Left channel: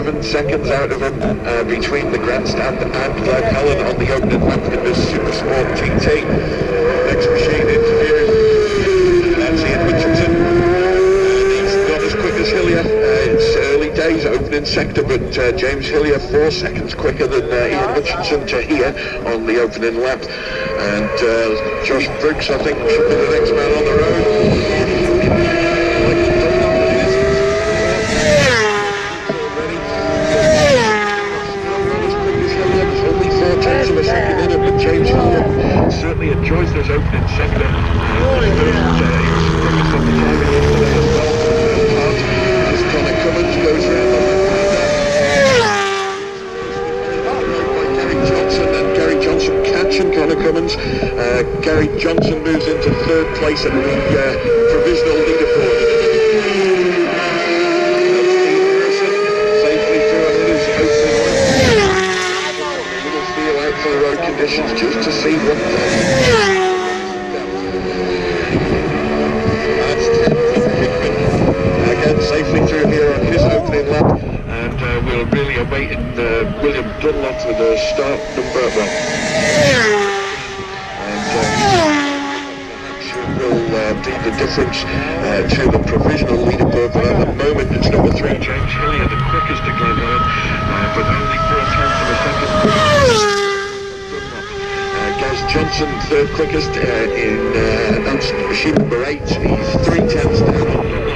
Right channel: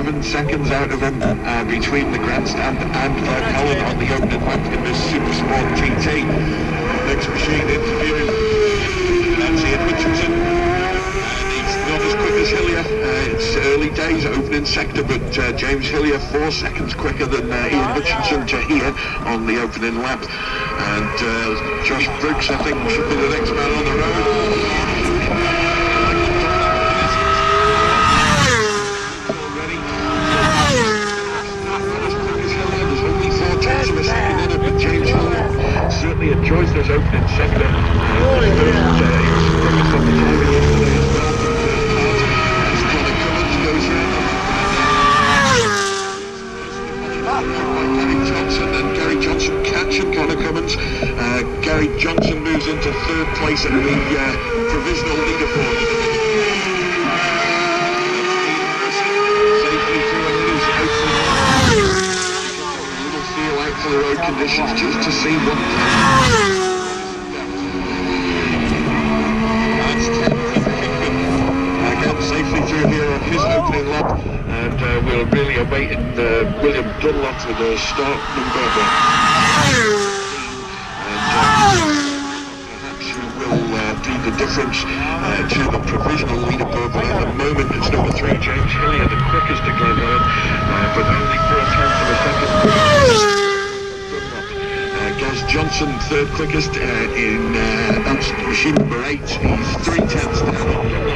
7 seconds out of him between the grandstand and Glen Helen on the opening lap in this Supersport GT. Next machine interview, that's Ian Hutchinson. He's not as quick as Hillier. It's early days, opening sector, but James Hillier 4 seconds quicker than Ian Hutchinson to here on the opening lap. And Josh Brooks, I think, should be the next man on the road. There's only 4 tenths of a second in it, but James Hillier certainly enjoys this opening sector. Goes around by Gary Johnson, and Gary Johnson catching Connor Cummins. Gary Johnson moves into 3rd place at the provisional leaderboard. Safely through and it is opening. A little feel out for the road conditions just to see what safely through here on his opening lap, and we're really awaiting William Dunlop with the start number 1. And perhaps who will be the difference to the provisional leaderboard, but at the moment it's number 3, James Hillier, the quickest to Glen Helen, but only 4 tenths of a second. Gaz Johnson, 3rd quickest in that's machine number 8. He's 3 tenths down on Dunlop.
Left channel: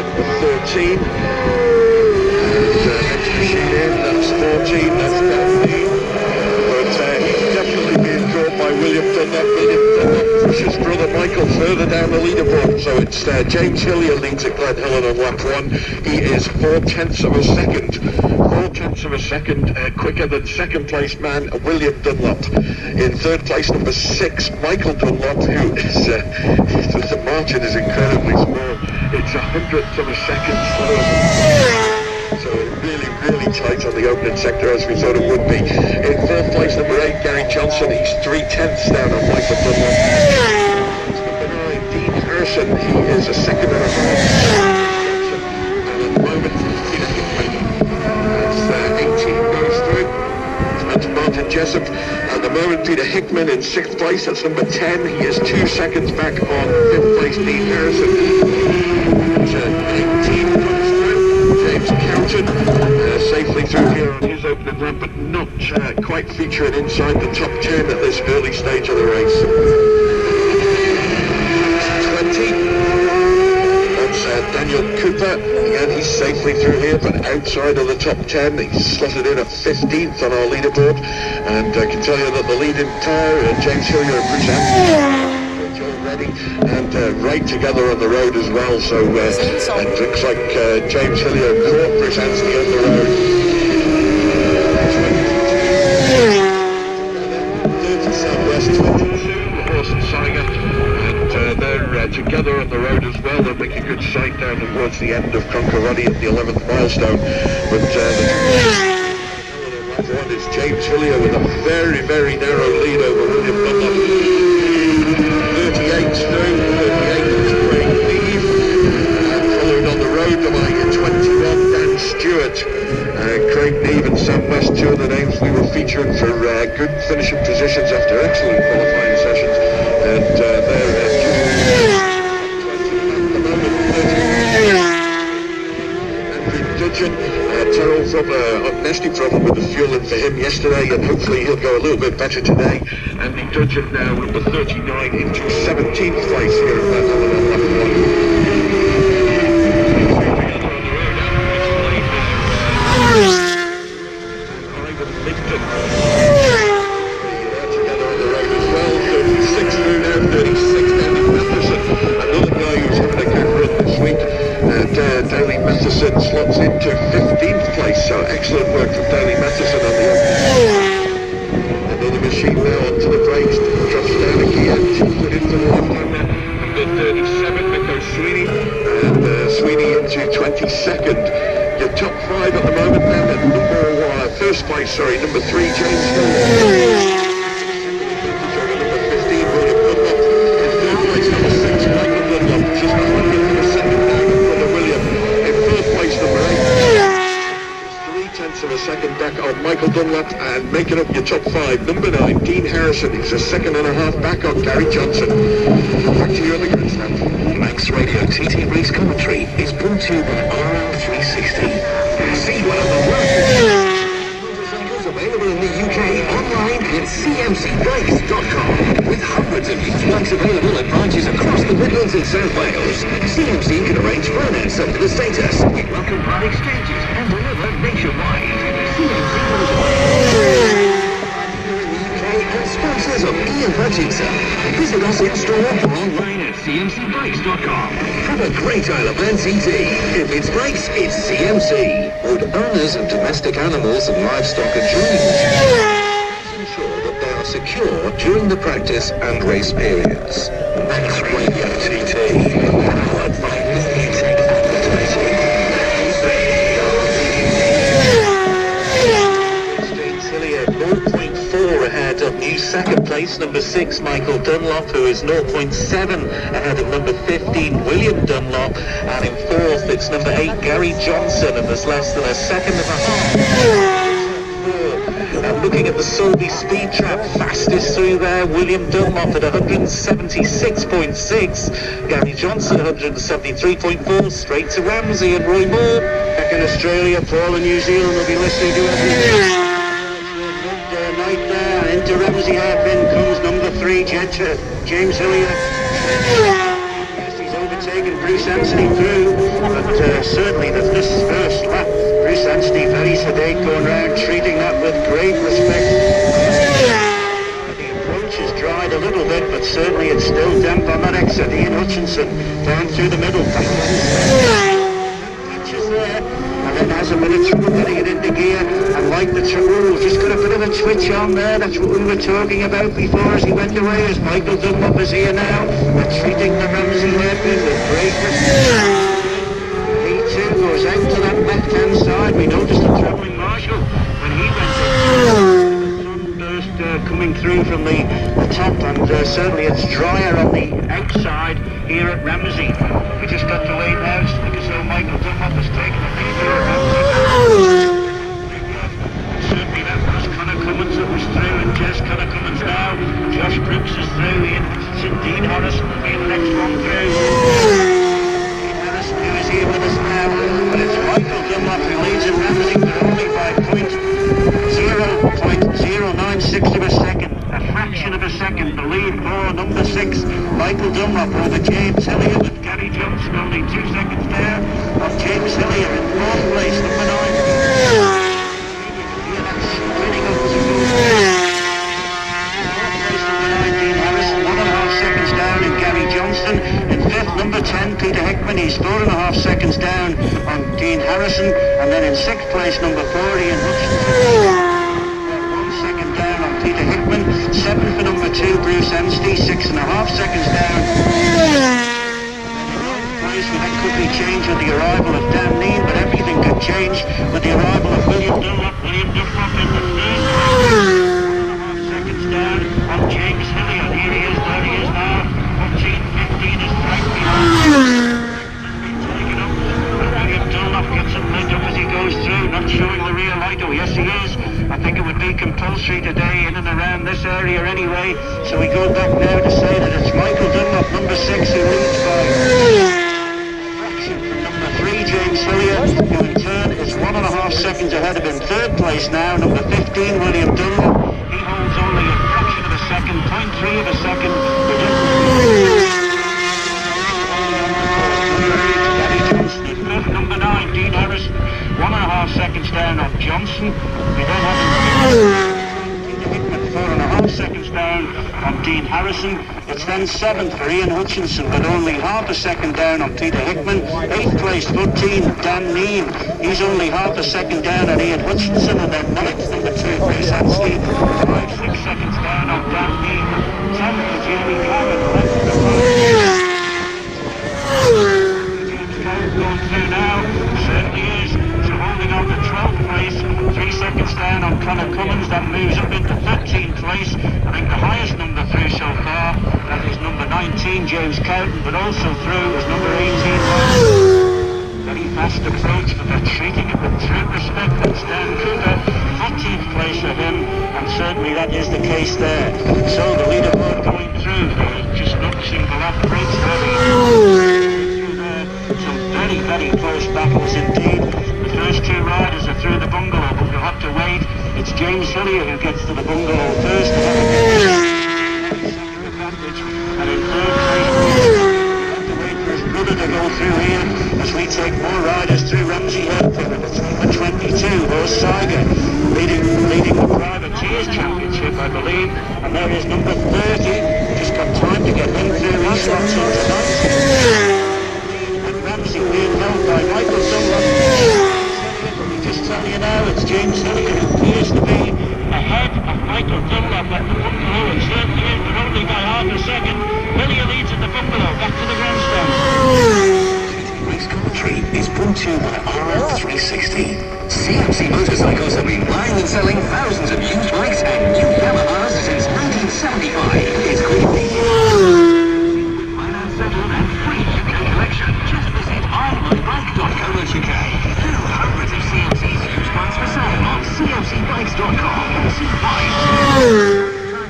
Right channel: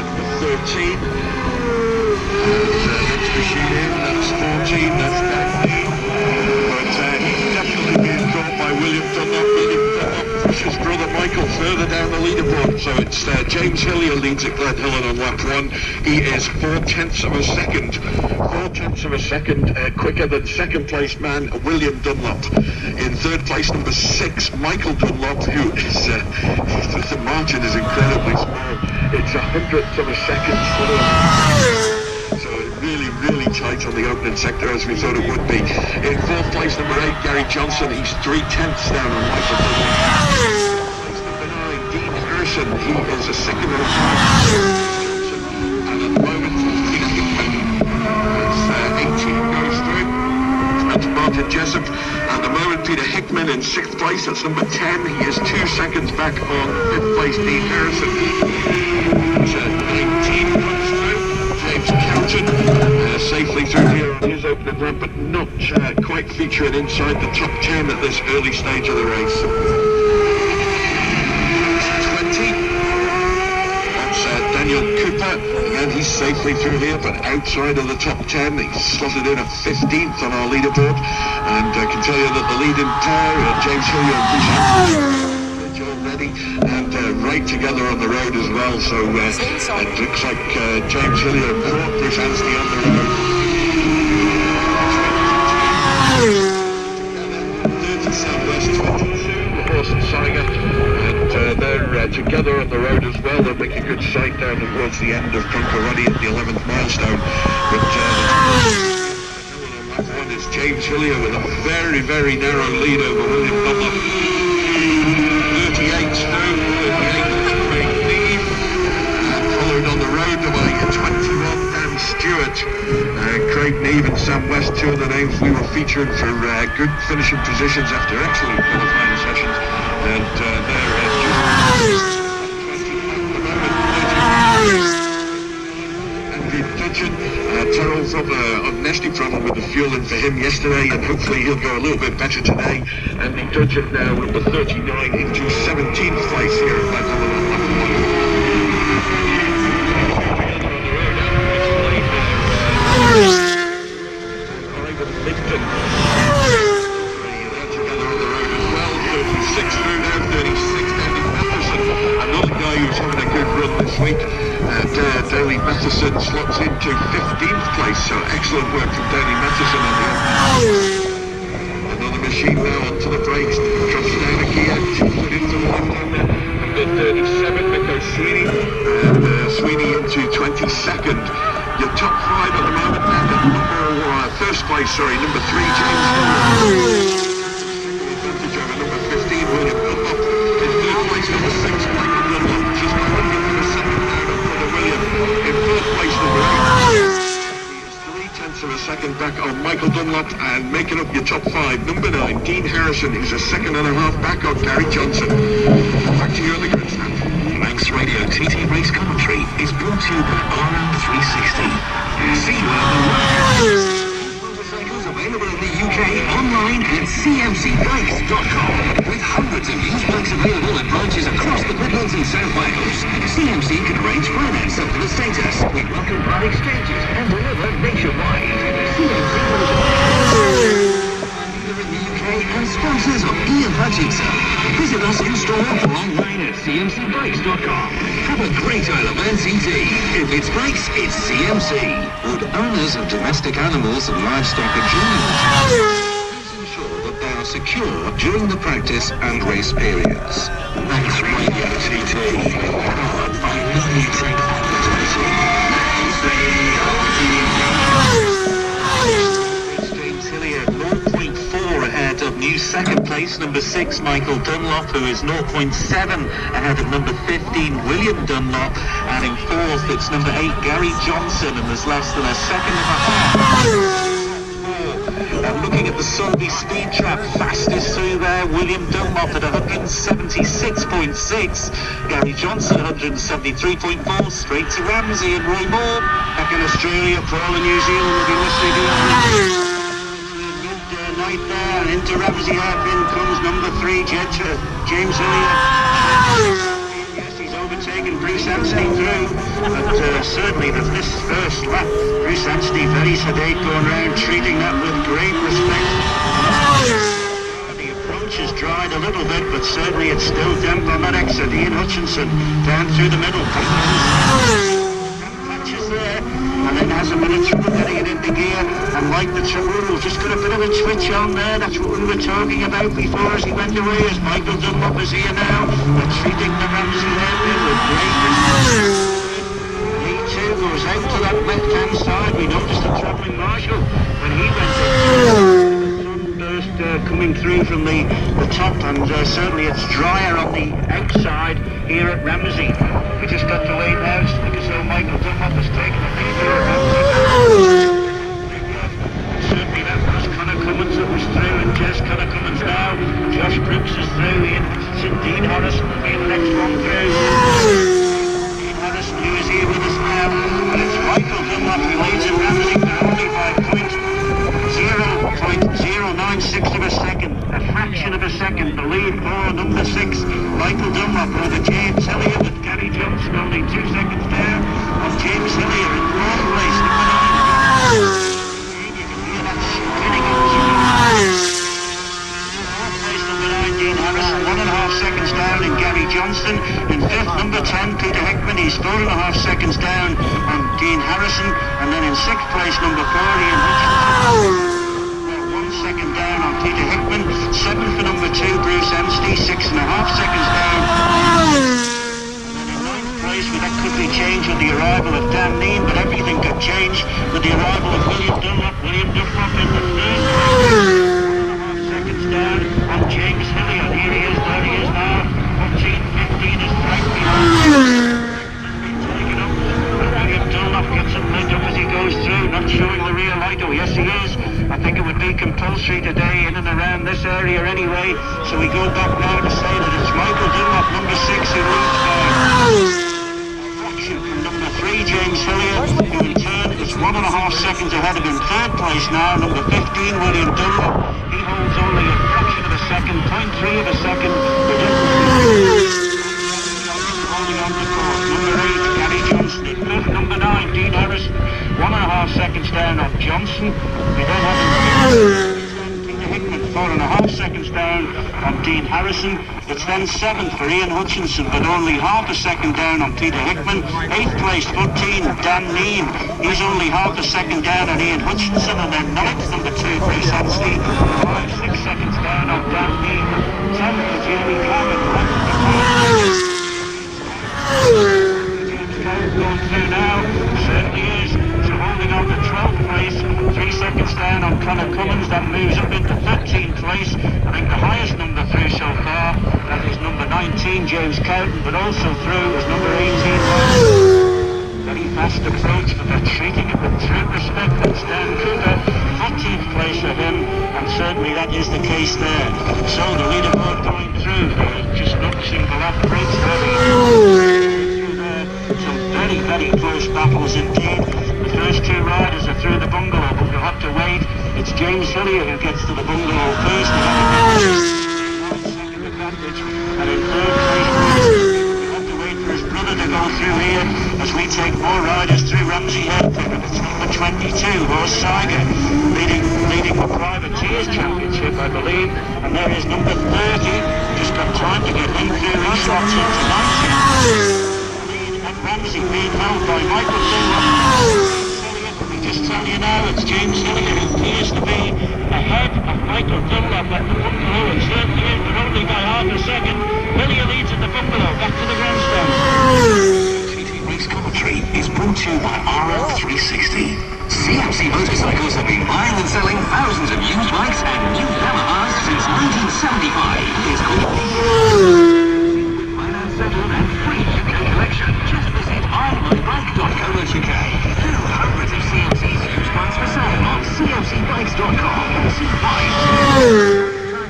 Number 13, and next machine in, that's 14, that's 15, but he's definitely being caught by William Dunlop. William Dunlop pushes brother Michael further down the leaderboard, so it's James Hillier leads at Glen Helen on lap 1. He is 4 tenths of a second. 4 tenths of a second quicker than 2nd place man William Dunlop. In 3rd place, number 6, Michael Dunlop, who is the margin is incredibly small. It's 100th of a second slower. So really tight on the opening sector, as we thought it would be. In 4th place, number 8, Gary Johnson. He's 3 tenths down on Michael Dunlop. Place number 9, Dean Urson. He is a second and a half. Johnson, and at the moment, 18 goes through. That's Martin Jessup. At the moment, Peter Hickman in 6th place. That's number 10. He is 2 seconds back on 5th place, Dean Harrison. 19 comes through. James Cowton safely through here on his opening lap, but not quite featuring inside the top 10 at this early stage of the race. 20. Daniel Cooper, again he's safely through here, but outside of the top 10. He's slotted in at 15th on our leaderboard, and I can tell you that the leading pair, James Hillier and Bruce already, and right together on the road as well, so it looks like James Hillier caught Bruce Anstey on the road. 30 Southwest, 22, Horse and Singer, and they're together on the road as well. They'll make a good sight down towards the end of Concordia at the 11th milestone. But lap 1 is James Hillier with a very narrow lead over William Dunlop. 38 through, 38 is Craig Neve, followed on the road by 21 Dan Stewart. Craig Neve and Sam West, 2 of the names we were featuring for good finishing positions after excellent qualifying sessions, and they're Terrell from a nasty problem with the fueling for him yesterday, and hopefully he'll go a little bit better today. Andy Dudgeon now number 39 into 17th place here at Glen Helen on lap 1. Ivan Lipton together on the road as well. 36 through now, 36 Danny Matheson, another guy who's having a good run this week. Daley Matheson slots into 15th place, so excellent work from Daley Matheson on the opening. Another machine now onto the brakes, drops down a gear, she's put into the left-hand there. Number 37, Nico Sweeney, and Sweeney into 22nd. Your top 5 at the moment then, at first place, number 3, James Hill. Second advantage over number 15, William Dunlop. In 3rd place, number 6, Michael Dunlop. making up your top 5. Number 9, Dean Harrison, who's a second and a half back on Gary Johnson. Back to you on the grandstand. Manx Radio TT Race Commentary is brought to you by RL360. See one of the motorcycles available in the UK online at cmcbikes.com. With hundreds of used bikes available at branches across the Midlands and South Wales, CMC can arrange finance up to the status. We welcome part exchanges and deliver nationwide. CMC in the UK and sponsors of Ian Hutchinson. Visit us in store or online at cmcbikes.com. Have a great Isle of Man TT. If it's bikes, it's CMC. Would owners of domestic animals and livestock adjourn? Ensure that they are secure during the practice and race periods. Manx Radio TT, powered by Million Advertising. It's James Hillier, 0.4 ahead of new second place, number 6, Michael Dunlop, who is 0.7 ahead of number 15, William Dunlop, and in 4th it's number 8, Gary Johnson, and there's less than a second and a half. And looking at the Solby Speed Trap, fastest through there, William Dunlop at 176.6, Gary Johnson 173.4, straight to Ramsey and Roy Moore. Back in Australia, Paul in New Zealand will be listening to us. Midnight there, and into Ramsey hairpin comes number 3, James Hillier. Yes, he's overtaken Bruce Anstey through, but certainly this first lap, Bruce Anstey very sedate going round, treating that with great respect. The approach has dried a little bit, but certainly it's still damp on that exit. Ian Hutchinson down through the middle. Patches there, and then has a bit of trouble getting it into gear, and like the trouble, just got a bit of a twitch on there. That's what we were talking about before as he went away, as Michael Dunlop is here now. We're treating the Ramsey hairpin with great respect. Goes out to that left-hand side. We noticed the travelling marshal when he went sunburst coming through from the top, and certainly it's drier on the outside here at Ramsey. We just got to wait now because Michael Dunlop has taken the lead here at Ramsey. Certainly that was Conor Cummins that was through, and Jess Conor Cummins now. Josh Brooks is through, Ian Hutchinson, Dean Harrison will be the next one through. Who is here with us now, but it's Michael Dunlop who leads in Ramsey, but only by 0.096 of a second, a fraction of a second. The lead for number 6, Michael Dunlop, over James Hillier, with Gary Johnson only 2 seconds down on James Hillier in 4th place, number 9. You can hear that spinning up as he goes. 4th place, number 9, Dean Harrison, 1.5 seconds down, and Gary Johnson. In 5th, number 10, Peter Hickman, he's 4.5 seconds down on Dean Harrison, and then in 6th place, number 4, Ian Hutchinson, 1 second down on Peter Hickman. 7th for number 2, Bruce Anstey, 6.5 seconds down. And in 9th place, that could be changed with the arrival of Dan Neen, but everything could change with the arrival of William Dunlop. William Dunlop in the 3rd place, 1.5 seconds down on James Hillier. Here he is, there he is now. 14.15 is right behind. William Dunlop gets it lit up as he goes through, not showing the rear light. Oh, yes, he is. I think it would be compulsory today in and around this area anyway. So we go back now to say that it's Michael Dunlop, number 6, who leads by a fraction from number 3, James Hillier, who in turn is 1.5 seconds ahead of him. 3rd place now, number 15, William Dunlop. He holds only a fraction of a second, 0.3 of a second. Holding on the course. Number 8, Gary Johnson. In 5th, number 9, Dean Harrison. 1.5 seconds down on Johnson. We then have Peter Hickman, 4.5 seconds down on Dean Harrison. It's then 7th for Ian Hutchinson, but only half a second down on Peter Hickman. 8th place, 14, Dan Neen. He's only half a second down on Ian Hutchinson, and then 9th, number 2, Bruce Anstey. 5-6 seconds down on Dan Neen. 10th for Jamie Clement. James Clement going through now. Certainly is. So holding on to 12th place, 3 seconds down on Conor Cummins. That moves up into 13th place. I think the highest number through so far, that is number 19, James Cowton, but also through is number 18. Very fast approach, but they're treating it with true respect. That's Dan Cooper, 14th place for him. certainly that is the case there. So the leaderboard going through, just noticing the lap breaks through there. Some very, very close battles indeed. The first two riders are through the bungalow, but we'll have to wait. It's James Hillier who gets to the bungalow first. Second advantage, and in third place, we'll have to wait for his brother to go through here as we take more riders through Ramsey Head for number 22, Horse Saiga, leading the Privateers Championship, I believe. And there is number 30, just got time to get in through. He slots into 19. And Ramsey being held by Michael Dunlop. Just tell you now, it's James Hillier who appears to be ahead of Michael Dunlop at the bungalow, and certainly is, but only by half a second. Hillier leads at the bungalow, back to the grandstand. TT Race commentary is brought to you by RF360. CMC motorcycles have been buying and selling thousands of used bikes and new Yamahas since 1975. It's called with finance settled and free shipping and collection. Just visit ironbike.co.uk. Hundreds of CMC's used bikes for sale on cmcbikes.com. See why.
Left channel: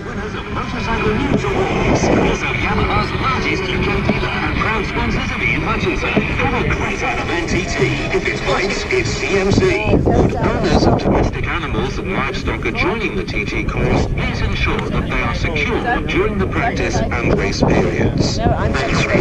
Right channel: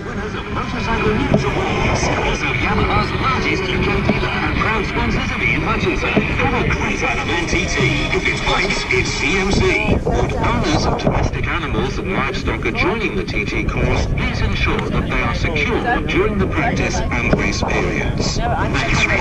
Winners of Motorcycle News Awards. Also Yamaha's largest UK dealer and proud sponsors of Ian Hutchinson. Have a great out of NTT. If it's bikes, it's CMC. Would owners of domestic animals and livestock are joining the TT course, please ensure that they are secure during the practice and race periods.